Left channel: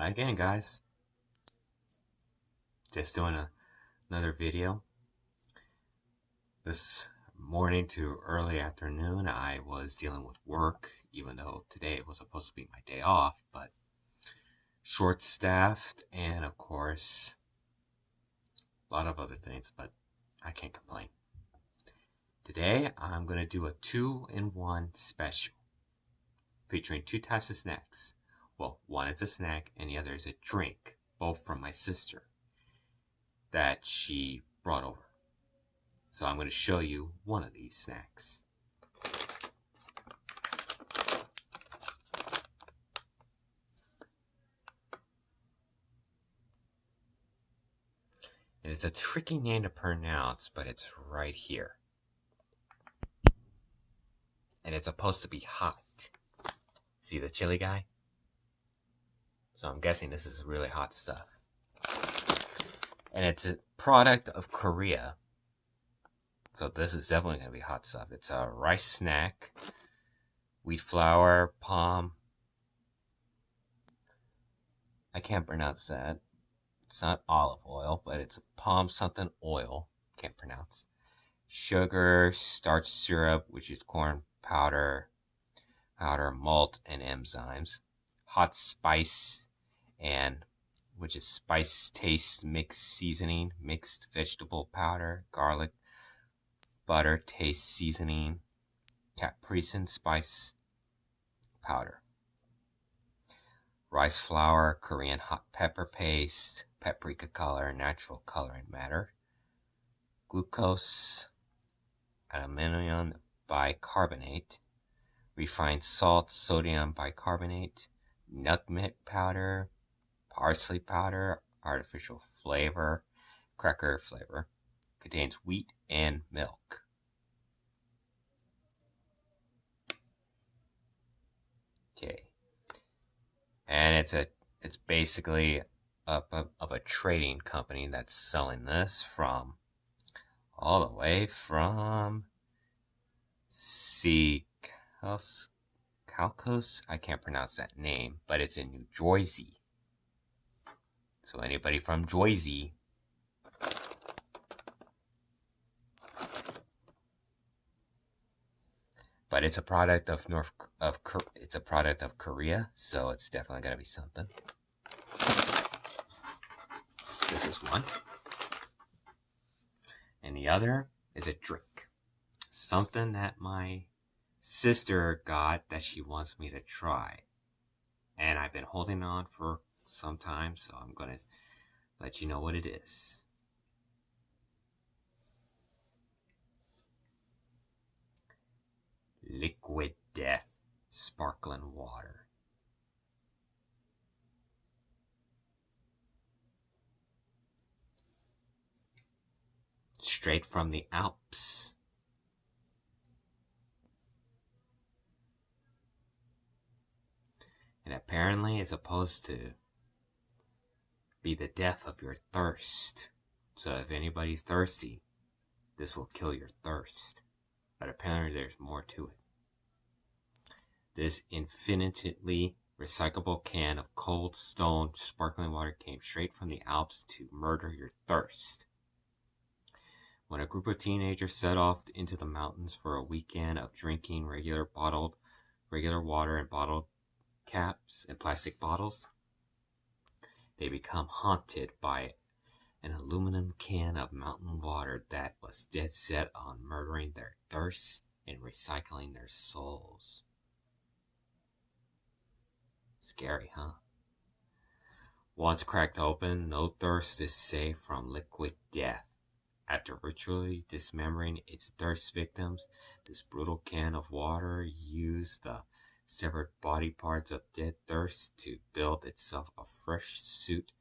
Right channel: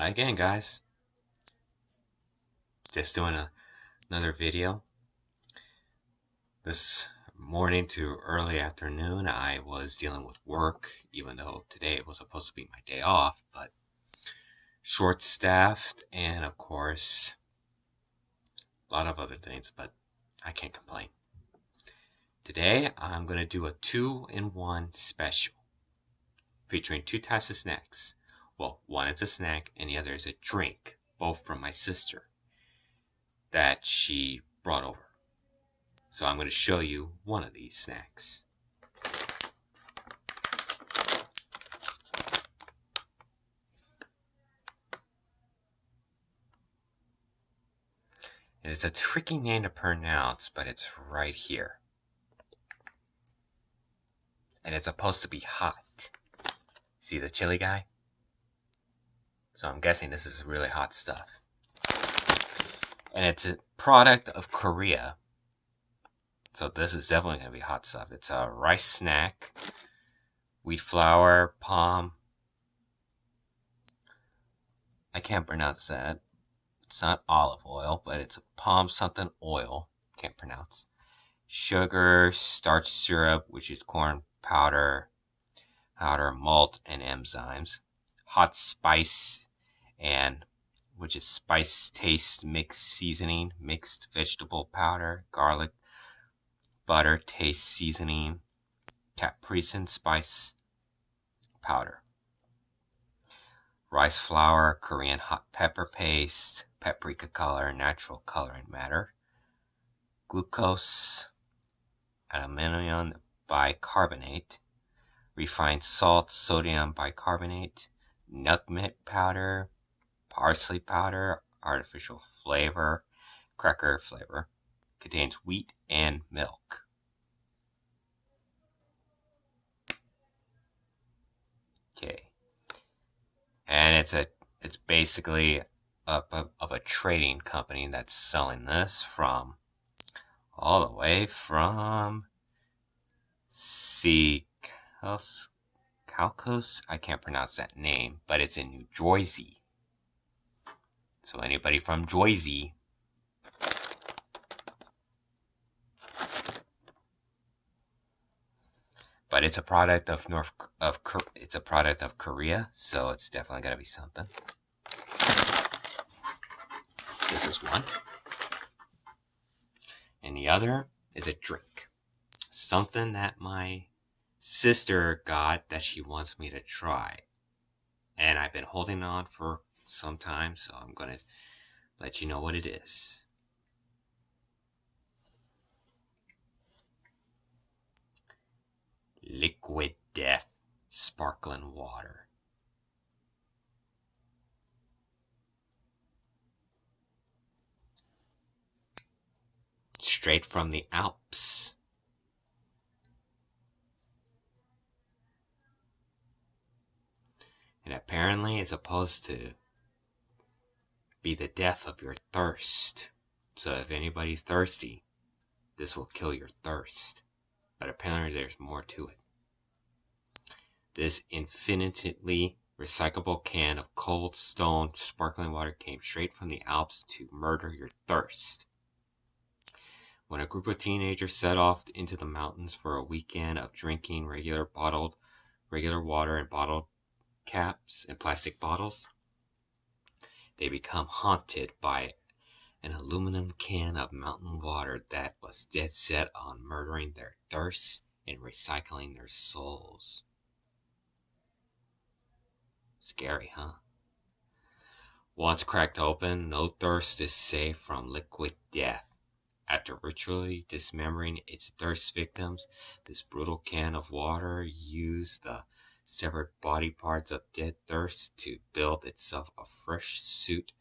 Hi again, guys. Just doing another video. This morning to early afternoon, I was dealing with work, even though today was supposed to be my day off, but short-staffed and, of course, a lot of other things, but I can't complain. Today, I'm going to do a 2-in-1 special featuring 2 types of snacks. Well, one is a snack and the other is a drink, both from my sister that she brought over. So I'm going to show you one of these snacks. And it's a tricky name to pronounce, but it's right here. And it's supposed to be hot. See the chili guy? So I'm guessing this is really hot stuff. And it's a product of Korea. So this is definitely going to be hot stuff. It's a rice snack, wheat flour, palm. I can't pronounce that. It's not olive oil, but it's a palm something oil. Can't pronounce. Sugar, starch syrup, which is corn powder, malt, and enzymes. Hot spice, and which is spice taste mixed seasoning, mixed vegetable powder, garlic, butter taste seasoning, capricin spice powder. Rice flour, Korean hot pepper paste, paprika color, natural coloring matter, glucose, aluminum bicarbonate, refined salt, sodium bicarbonate, nutmeg powder, parsley powder, artificial flavor, cracker flavor, contains wheat and milk. Okay. And it's basically of a trading company that's selling this from all the way from Calcos. I can't pronounce that name, but it's in New Jersey. So anybody from Jersey, but it's a product of it's a product of Korea, so it's definitely gotta be something. This is one. And the other is a drink. Something that my sister got that she wants me to try. And I've been holding on for some time, so I'm going to let you know what it is. Liquid Death Sparkling Water. Straight from the Alps. And apparently it's supposed to be the death of your thirst. So if anybody's thirsty, this will kill your thirst. But apparently there's more to it. This infinitely recyclable can of cold stone sparkling water came straight from the Alps to murder your thirst. When a group of teenagers set off into the mountains for a weekend of drinking regular water in bottled caps and plastic bottles, they become haunted by an aluminum can of mountain water that was dead set on murdering their thirst and recycling their souls. Scary, huh? Once cracked open, no thirst is safe from liquid death. After ritually dismembering its thirst victims, this brutal can of water used the severed body parts of dead thirst to build itself a fresh suit,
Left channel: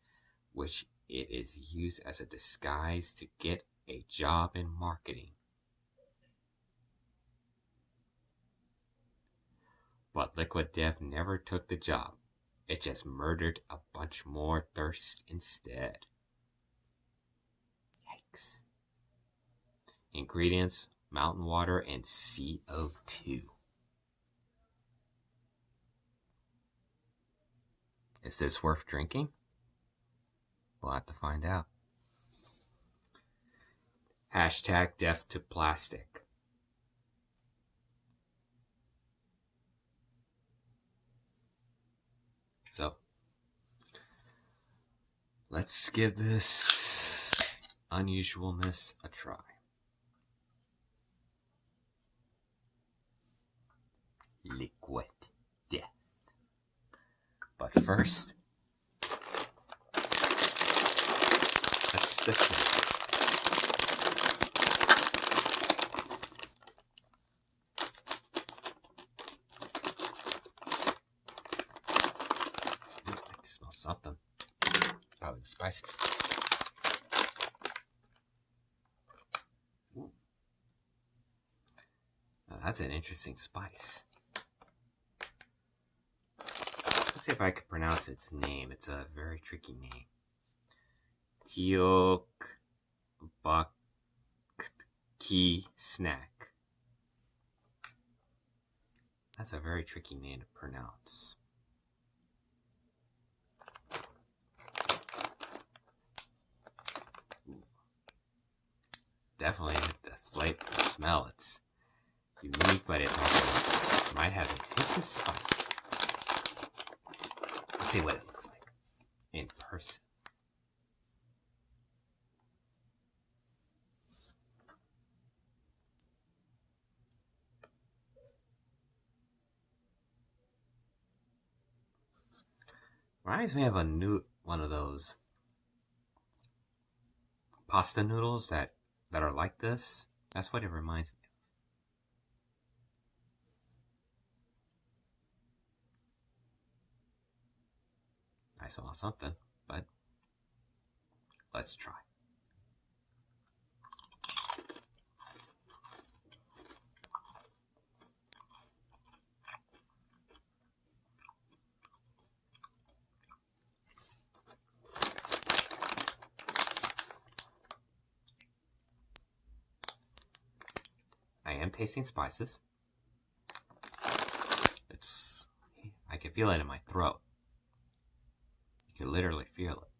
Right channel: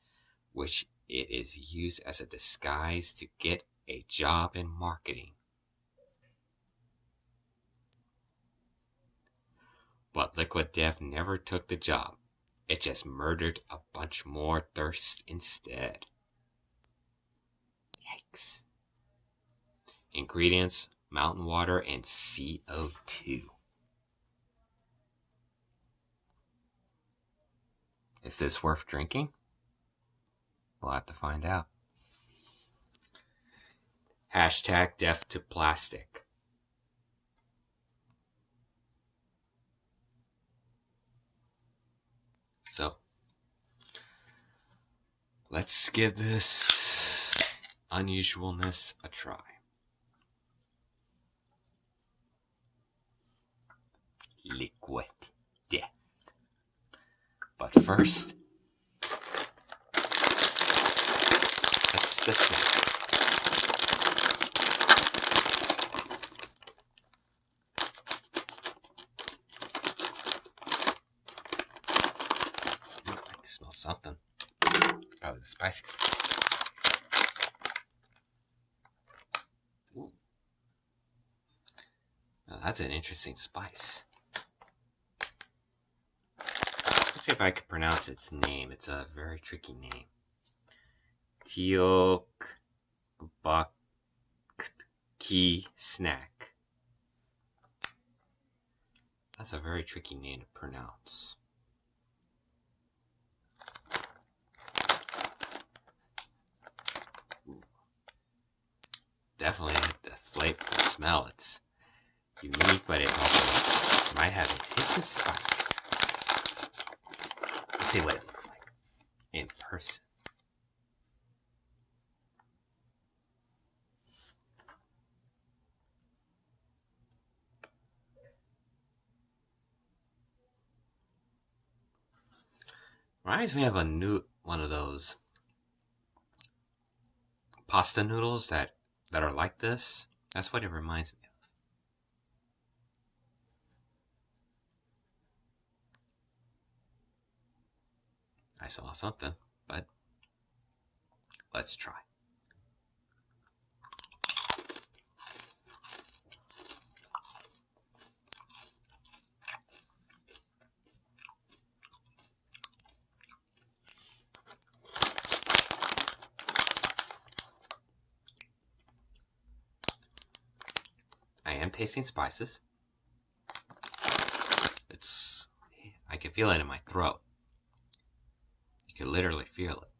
which it is used as a disguise to get a job in marketing. But Liquid Death never took the job. It just murdered a bunch more thirst instead. Yikes. Ingredients: mountain water and CO2. Is this worth drinking? We'll have to find out. Hashtag death to plastic. So, let's give this unusualness a try. Liquid death. But first, this thing. I can smell something. Probably the spices. Ooh. Now, that's an interesting spice. Let's see if I can pronounce its name. It's a very tricky name. Tteokbokki Snack. That's a very tricky name to pronounce. Ooh. Definitely the flavor, the smell. It's unique, but it's also might have a hint of spice. Let's see what it looks like in person. Reminds me of one of those pasta noodles that are like this. That's what it reminds me of. I saw something, but let's try. I am tasting spices. I can feel it in my throat. You can literally feel it.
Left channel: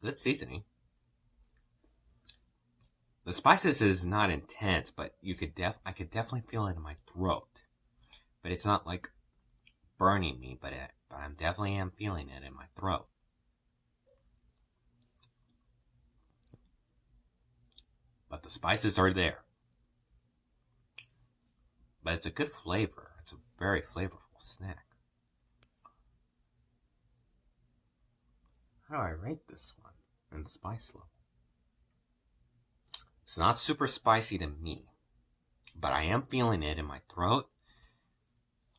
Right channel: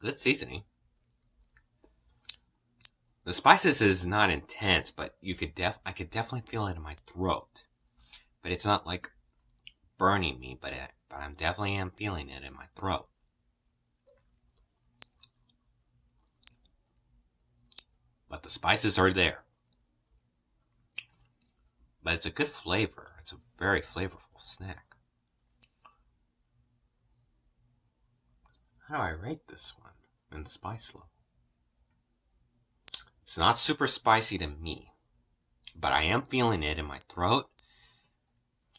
Good seasoning. The spices is not intense, but I could definitely feel it in my throat. But it's not like burning me, but I'm definitely am feeling it in my throat. But the spices are there. But it's a good flavor. It's a very flavorful snack. How do I rate this one in the spice level? It's not super spicy to me, but I am feeling it in my throat,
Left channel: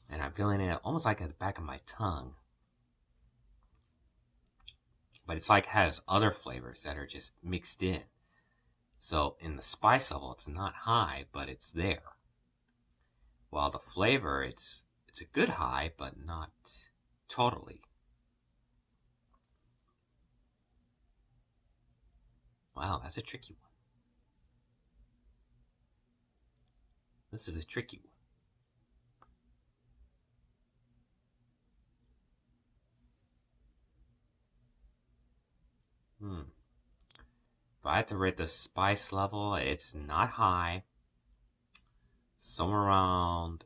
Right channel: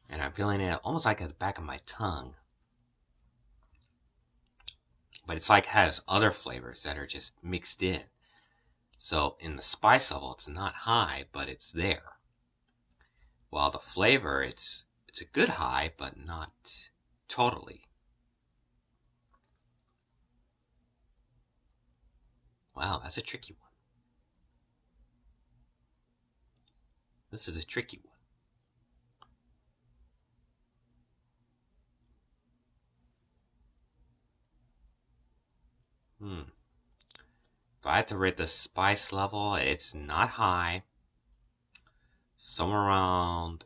and I'm feeling it almost like at the back of my tongue. But it's like has other flavors that are just mixed in. So in the spice level, it's not high, but it's there. While the flavor, it's a good high, but not totally. Wow, that's a tricky one. This is a tricky one. If I had to rate the spice level, it's not high. Somewhere around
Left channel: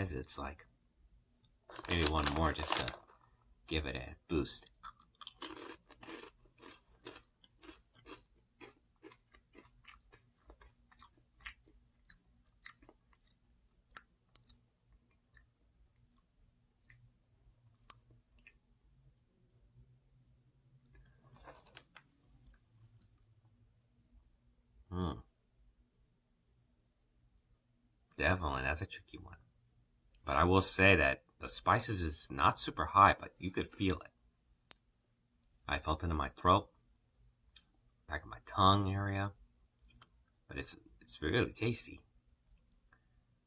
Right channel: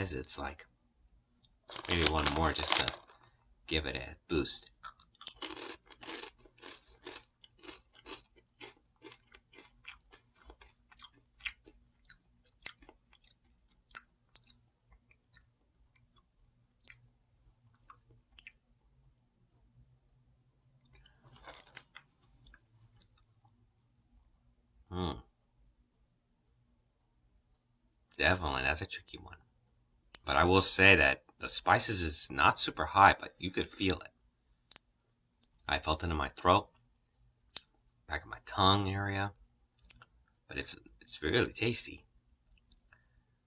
size. It's like maybe one more just to give it a boost. Definitely, that's a tricky one. But I will say that the spices is not super high, but you could feel it. I felt it in my throat, back of my tongue area, but it's really tasty.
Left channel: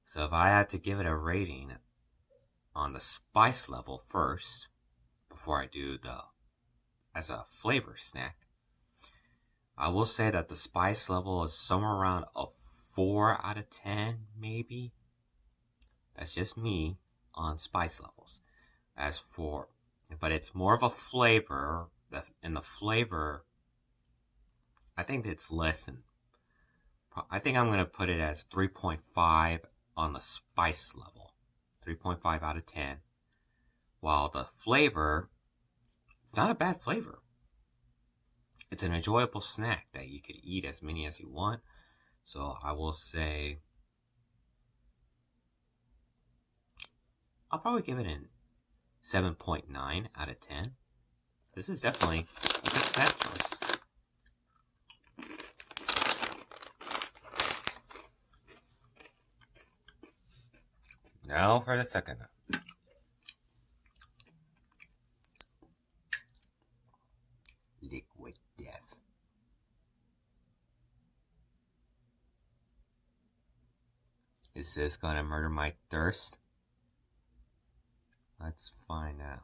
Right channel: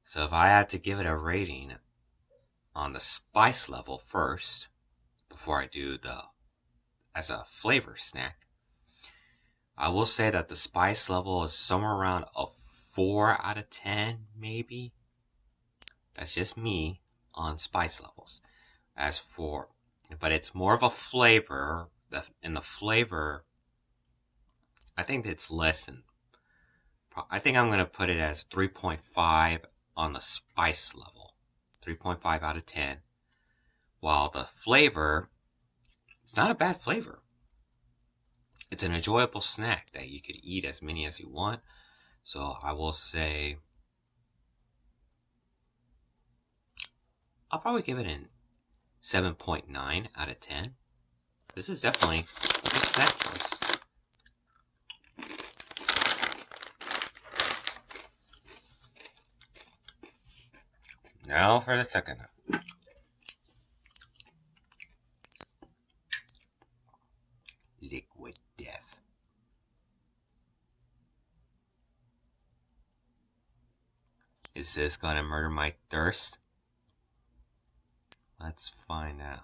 So if I had to give it a rating on the spice level first, before I do as a flavor snack, I will say that the spice level is somewhere around a 4 out of 10, maybe. That's just me on spice levels. But it's more of a flavor. In the flavor, I think it's less than. I think I'm going to put it as 3.5 on the spice level. 3.5 out of 10. While the flavor, it's not a bad flavor. It's an enjoyable snack that you could eat as many as you want. So I will say, I'll probably give it a 7.9 out of 10. This is definitely a good snack choice. Now for the second one. Liquid Death. Is this gonna murder my thirst? Let's find out.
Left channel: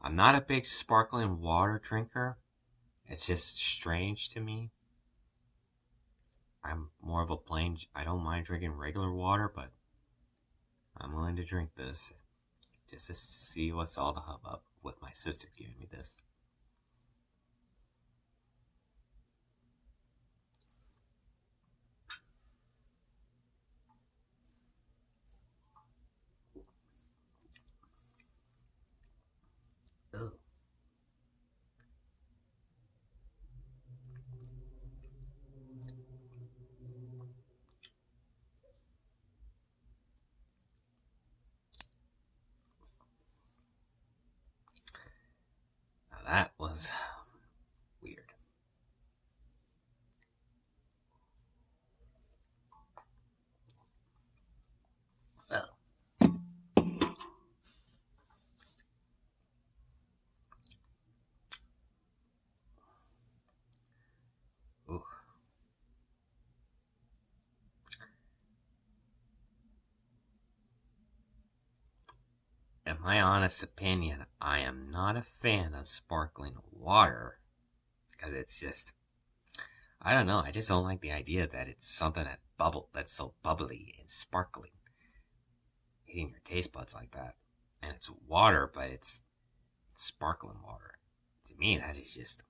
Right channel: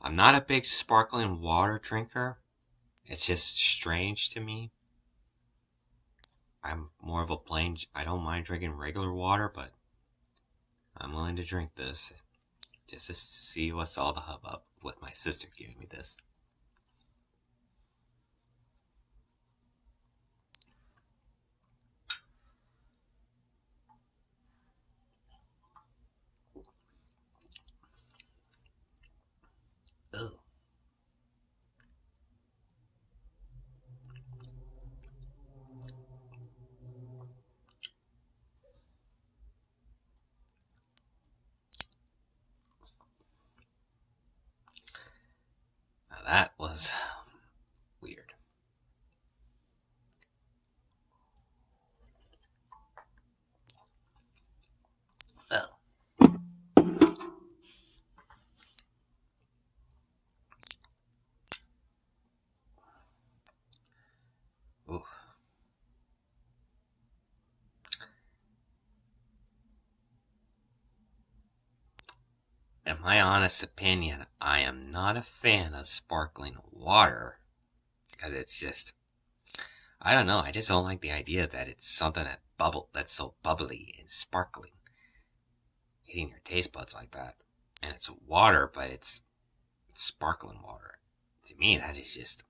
I'm not a big sparkling water drinker. It's just strange to me. I'm more of a plain, I don't mind drinking regular water, but I'm willing to drink this just to see what's all the hubbub with my sister giving me this. Ugh. Now that was weird. Ugh. Ooh. In my honest opinion, I am not a fan of sparkling water because it's just, I don't know, I just don't like the idea that it's something that's so bubbly and sparkling, hitting your taste buds like that. And it's water, but it's sparkling water. To me, that is just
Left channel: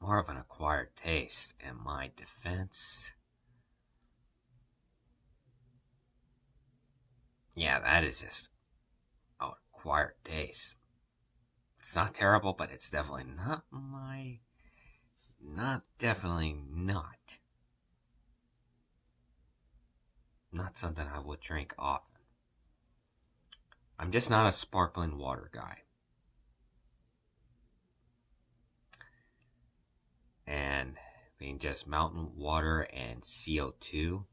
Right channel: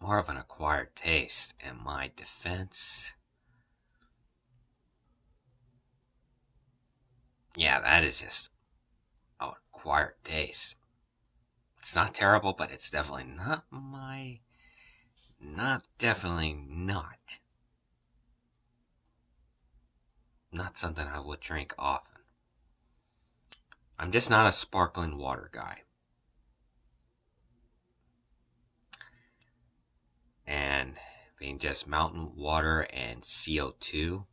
more of an acquired taste. In my defense, yeah, that is just an acquired taste. It's not terrible, but it's definitely not something I would drink often. I'm just not a sparkling water guy. And being just mountain water and CO2,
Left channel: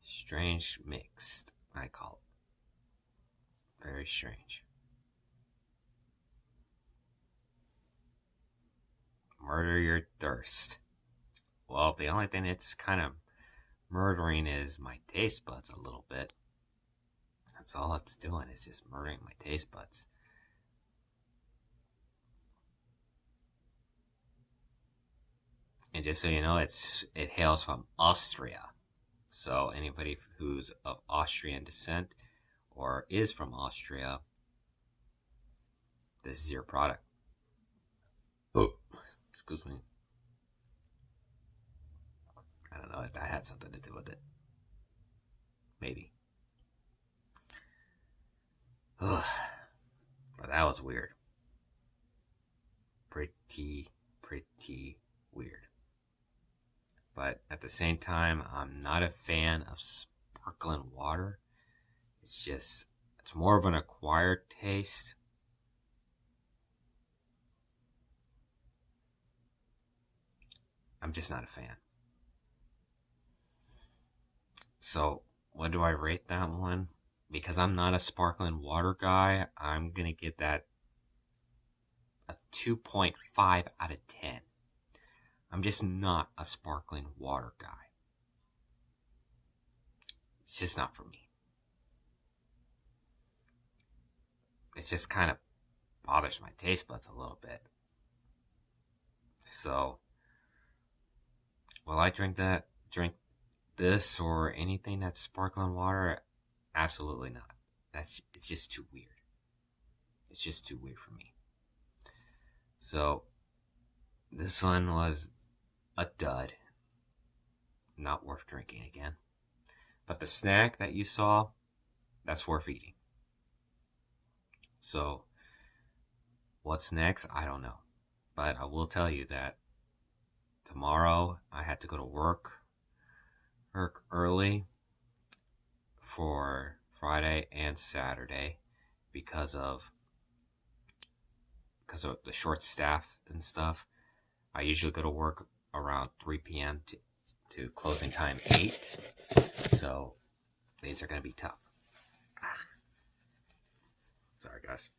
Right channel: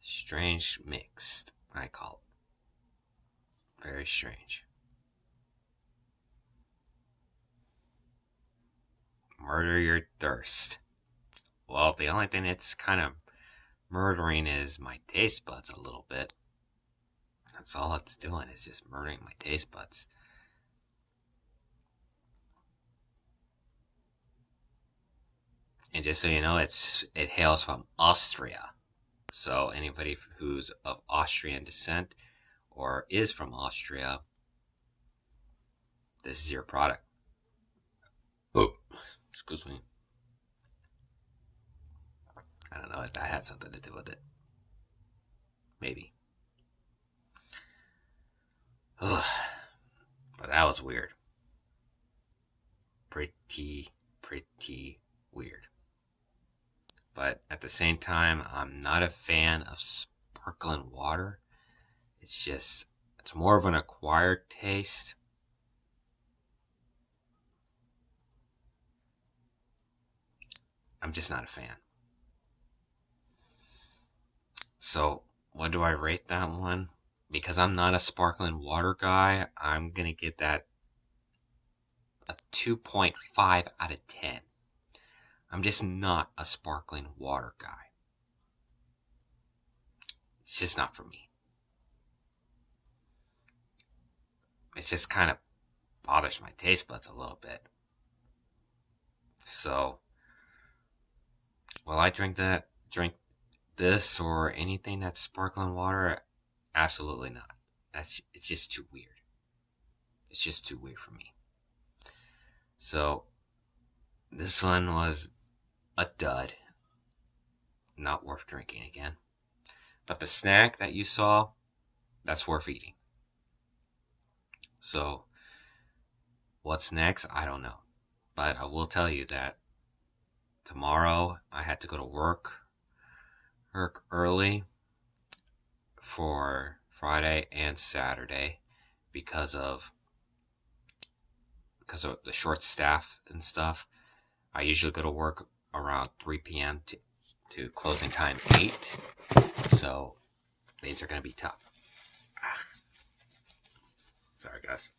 strange mixed, I call it. Very strange. Murder your thirst. Well, the only thing it's kind of murdering is my taste buds a little bit. That's all it's doing, is just murdering my taste buds. And just so you know, it hails from Austria. So anybody who's of Austrian descent or is from Austria, this is your product. Oh, excuse me. I don't know if that had something to do with it. Maybe. Ugh. But that was weird. Pretty weird. But at the same time, I'm not a fan of sparkling water. It's more of an acquired taste. I'm just not a fan. So, what do I rate that one? Because I'm not a sparkling water guy, I'm going to give that a 2.5 out of 10. I'm just not a sparkling water guy. It's just not for me. It just kind of bothers my taste buds a little bit. So, will I drink this or anything that's sparkling water? Absolutely not. It's just too weird. It's just too weird for me. So, this one was a dud. Not worth drinking again. But the snack that you saw, that's worth eating. So, what's next? I don't know. But I will tell you that tomorrow I had to go to work early for Friday and Saturday because of the short staff and stuff. I usually go to work around 3 p.m. to closing time 8. So things are going to be tough. Sorry, guys.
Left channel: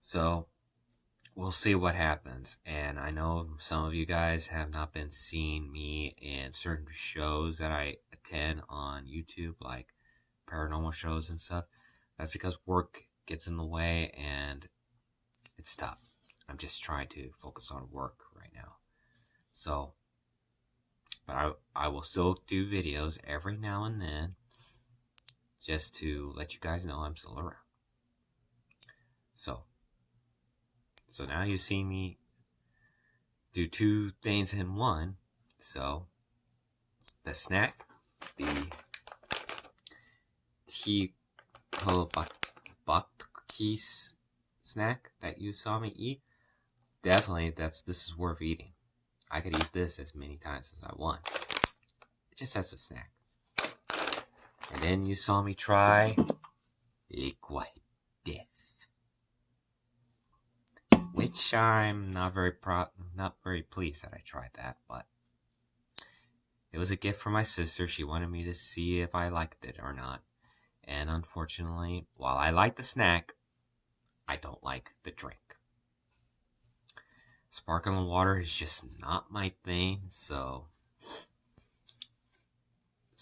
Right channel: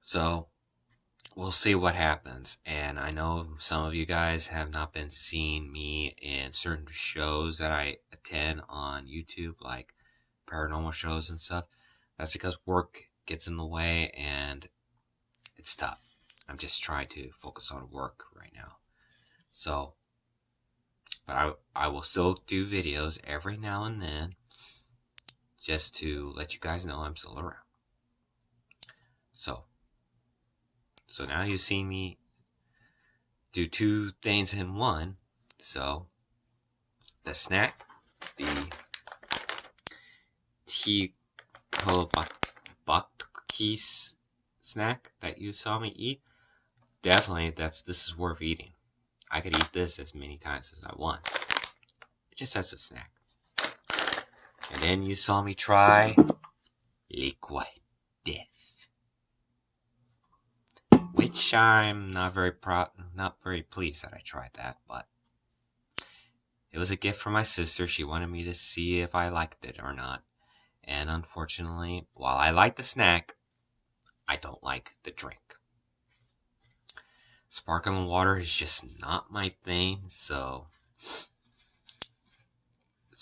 So we'll see what happens. And I know some of you guys have not been seeing me in certain shows that I attend on YouTube, like paranormal shows and stuff. That's because work gets in the way and it's tough. I'm just trying to focus on work right now. So, but I will still do videos every now and then just to let you guys know I'm still around. So now you see me do 2 things in one. So the snack, the Tteokbokki snack that you saw me eat, definitely this is worth eating. I could eat this as many times as I want. It just as a snack. And then you saw me try liquid death, which I'm not very pleased that I tried that, but it was a gift from my sister. She wanted me to see if I liked it or not. And unfortunately, while I like the snack, I don't like the drink. Sparkling water is just not my thing, so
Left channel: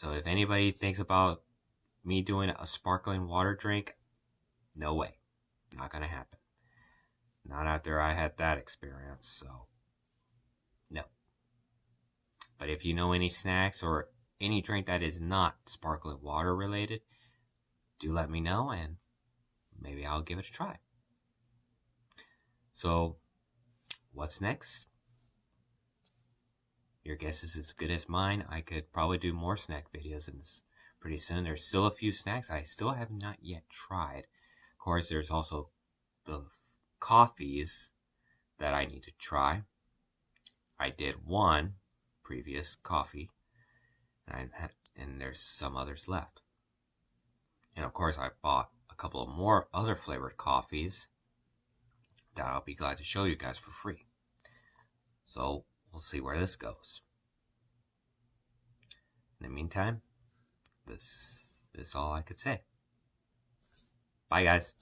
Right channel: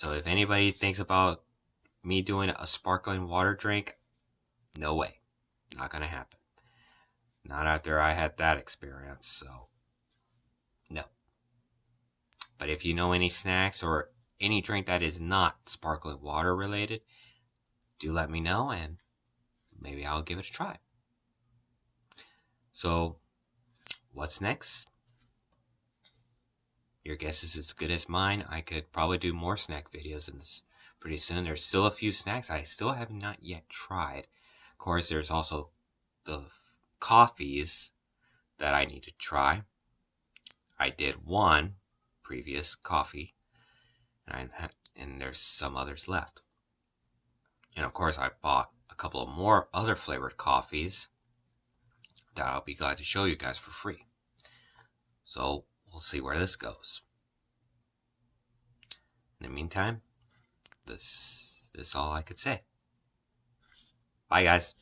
if anybody thinks about me doing a sparkling water drink, no way. Not gonna happen. Not after I had that experience, so no. But if you know any snacks or any drink that is not sparkling water related, do let me know and maybe I'll give it a try. So, what's next? Your guess is as good as mine. I could probably do more snack videos in this pretty soon. There's still a few snacks I still have not yet tried. Of course, there's also the coffees that I need to try. I did one previous coffee, and there's some others left. And of course, I bought a couple of more other flavored coffees that I'll be glad to show you guys for free. So we'll see where this goes. In the meantime, this is all I could say. Bye, guys.